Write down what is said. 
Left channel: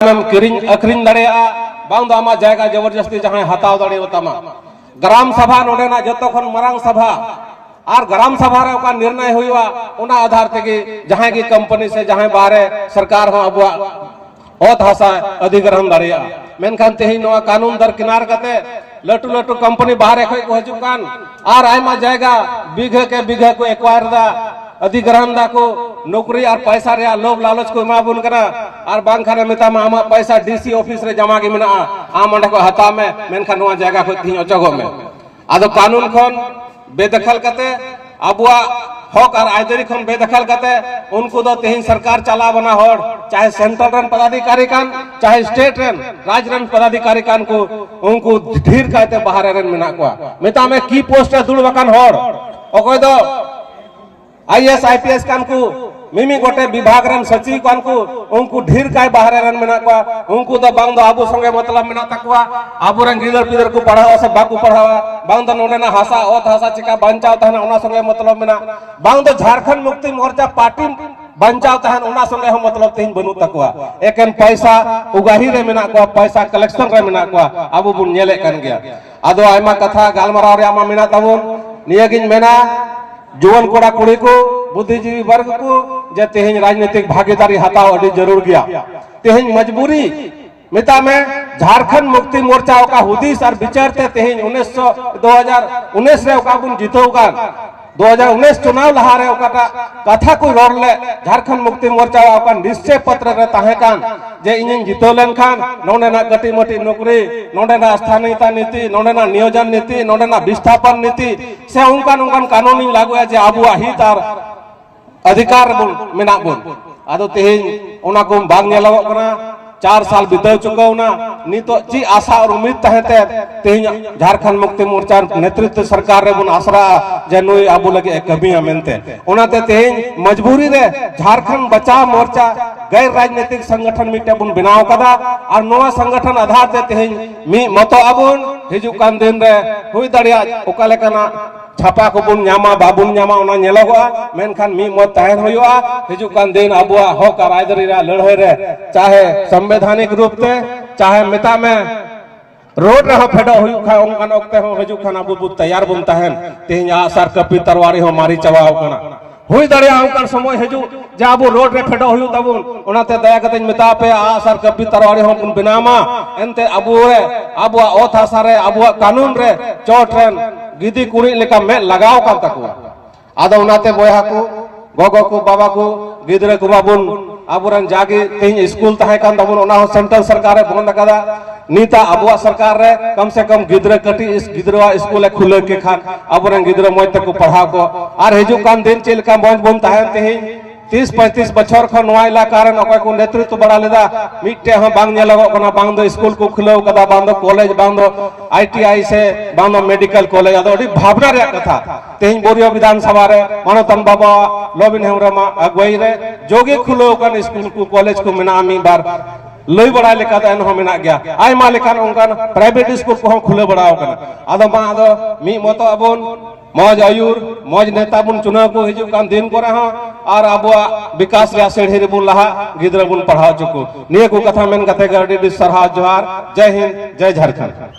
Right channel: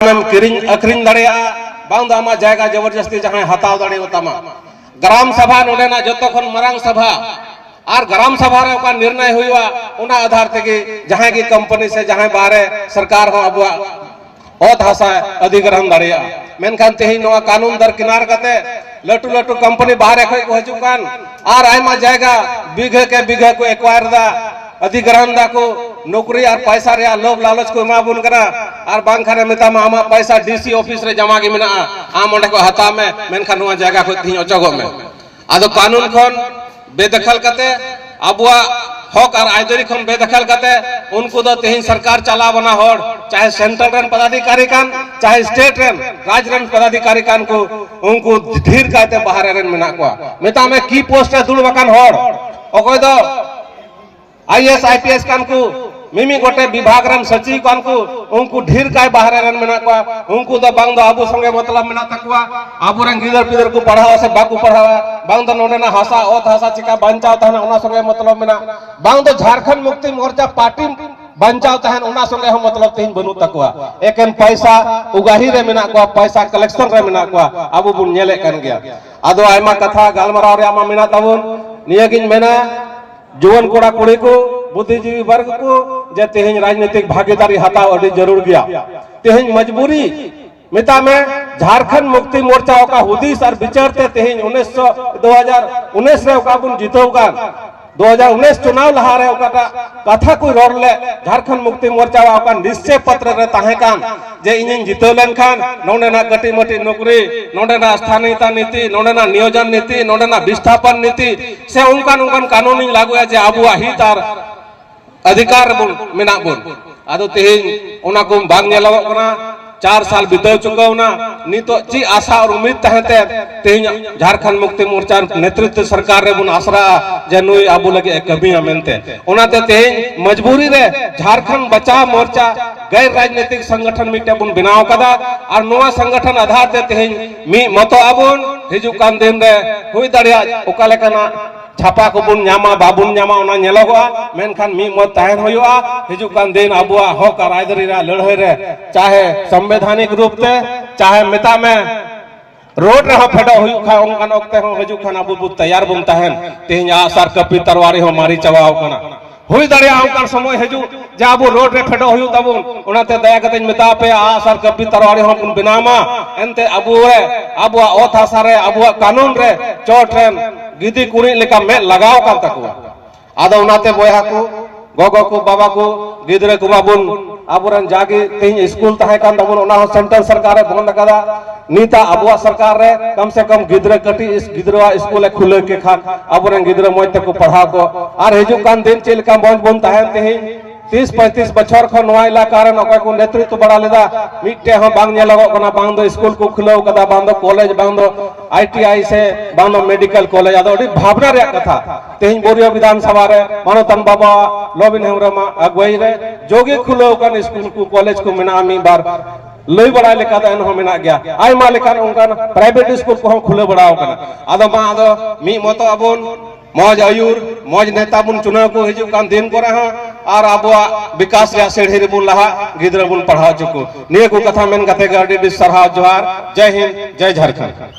किरिंग अखरिंग दड़िया बांग दो आमा जायगा जबरदस्ती जहां हताव दड़ियो तमा ग्राम सभा नोडेना जतो खन मरांग सभा और ग्राम सभा रे ओका निर्णय हुआ उना आधार तेगे जहां की कंपनी से जहां बाहरे सरकार हो अब ओत हासा अधिग्रहण दड़िया मेनखान तेही नोआ कानून दर किनार कते लटू लटू कंपनी बाहरे खय को हजुकान और आयमा जायगा बिघे को एक्वायर दा अधिग्रहण दा को नौकरी और पैसा रे लोभ लालच को एमा बुन करा और बांग खाने मेता आमा पैसा डीसी ऑफिस रे जमा गे मेना आम अंडे को हता में मेनखान नोआ जायगा को थी ओचगो में आदो कानून खन बेदखल कते अबुआ हक और आयदरी खन बेदखल कते उनको दो तेहिन सरकार चला बना होड़ चाहे सेंट्रल रन पदाधिकारी कान चाहे स्टेट रन राज्य रन पदाधिकारी कान को उनको धीर काते बाहर रन मेना को मेता में की पोस्ट है दुड़ बकान होड़ ओकोय दो आईएएस आईपीएस कान को मिमी गोटे विभाग रन सचिव कान को उनको ढेर काय बाहर रन मेना को उनको दो बांग दो आबो संगे मतलब मेना तकवा आबो रन गिदर पिदर को पढ़ावा से बाकू पढ़ावा बांग दो नोडेना हासा ओत हासा चिका बंचाव तहन ओना संगे मतलब मेना बांग दो झारखंड मुक्ति मोर्चा पार्टी बंचाव तहन ओना संगे हम मतलब तेहिन बनु तकवा एकेन पैसा उगाही रे मेना को पैसा कलेक्शन रे मेना को आबो बुन नेले कन गया आदो आयमा कथा गालमराव रे आमा मेना तबुन नियगिन मेना जुवन कोड़ा कुड़ी को बुद्धिजीवी वर्ग को जे तेहिन राजनीतिक भागीदारी हताव अड़ी जरूर गया तेहिन मजबूरी मिता में झारखंड मुक्ति मोर्चा का हुदीस और विचारते तेहिन 2019 रे ओका बुन जीतोगा 2019 चुनाव लहा रे ओका कथा को रोड ले झारखंड मुक्ति मोर्चा ओका निश्चय पत्र रे ताहे कान जे इनिन जीतो लेन खान नोडेना गटी मटी नौकरी नोडेना स्थानीयता नीति नोडेना नियोजन नीति नोडेना विस्थापन नीति से उनकान कानूनी लागू है जे आबुआ हित और अधिकार बुन मेना बुन आदो तेहिन ओना को बांग नेलो कना 4 साल बिताव चुकावना नितो ची आशा और उम्मीद तहते तेहिन झारखंड मुक्ति मोर्चा नेतृत्व सरकार रे बुन आसरा जे नुई आबु लगे कभी मेनते ओनाते तेहिन मजबूरी रे झारखंड बचाव मोर्चा गैर राजनीतिक संगठन मिटे बुन बनाव कदा और नोवा संगठन आधार ते तेहिन मी मतो आबुन हिजु कान दिन रे हुई दड़िया ओका लेकना छापा को बुन न्यामा बाबुन न्यामा ओना नेलोगा मेनखान मी मत ताहन होयुआ हिजु कान दिन आबुआ हक और आयदरी रा लड़ाई रे चाहे संवैधानिक रूप ते चाहे मेता में रोड रे फेडो हुयु खा उनकान ओक्ते हो हिजु खान आबु बु तैयार बुन ताहन तेहिन आसार कपी तरवारी हो मारी चवाओ कना हुई दड़िया उनकान समय हिजु जे आबु रोड रे फेडो हुयु तबुन ओनाते दया कते मेता पे आसार कपी तरवारी हो बुन बिनामा एनते आबुआ ओथ आसा रे आबुआ कानून रे चोट रेन गिदी कुड़ी लेका में लगाओ का तको आदो उनाते बोया को गोगो को बाबा को गिदरे को बाबुन आबुरन जागे तेहिन स्कूल तहे कान दबुन ओना हो सेंट्रल सरकार बंद कदा नीता अबुआ सरकार रे कम से कम गिदरे कटी इस गिदरवा स्कूल खुले के खान आबुरन गिदरे मोय तक को पढ़ा को और हिजु कान दिन चेल का मौज बन तहे तेहिन 30-35 बछर खन नोआ इलाका रे ओका को नेतृत्व बड़ा लेदा मिटे हम बांग नेलगो कना बांग दो स्कूल को खुलो कदा बांग दो कॉलेज बांग दो आईटीआई से बांग दो मेडिकल कॉलेज आदो अडी भावना रे कथा तेहिन बोरियो विधानसभा रे मानोतन बाबा लोबिन हेमरमा अगुई रे जोगी खुलो कन स्कूल को कॉलेज को मेना मी बार लई बड़ा लेका दन हो मेना गया आयमा लेका उनकान प्राइवेट स्कूल को खुले बड़ाओ कना आदो मा आदो मी मतो अबुन मौज आयुर मौज नेता बुन चुनाव को हिजु कान दिन करे हां और आबुआ विकास रे सेढ़ी रे बुन लहा गिदरा बुन पढ़ाओ चुको निये को कथा मेन कते गाडी सरहा जोहार जय हिंद जय झारखंड।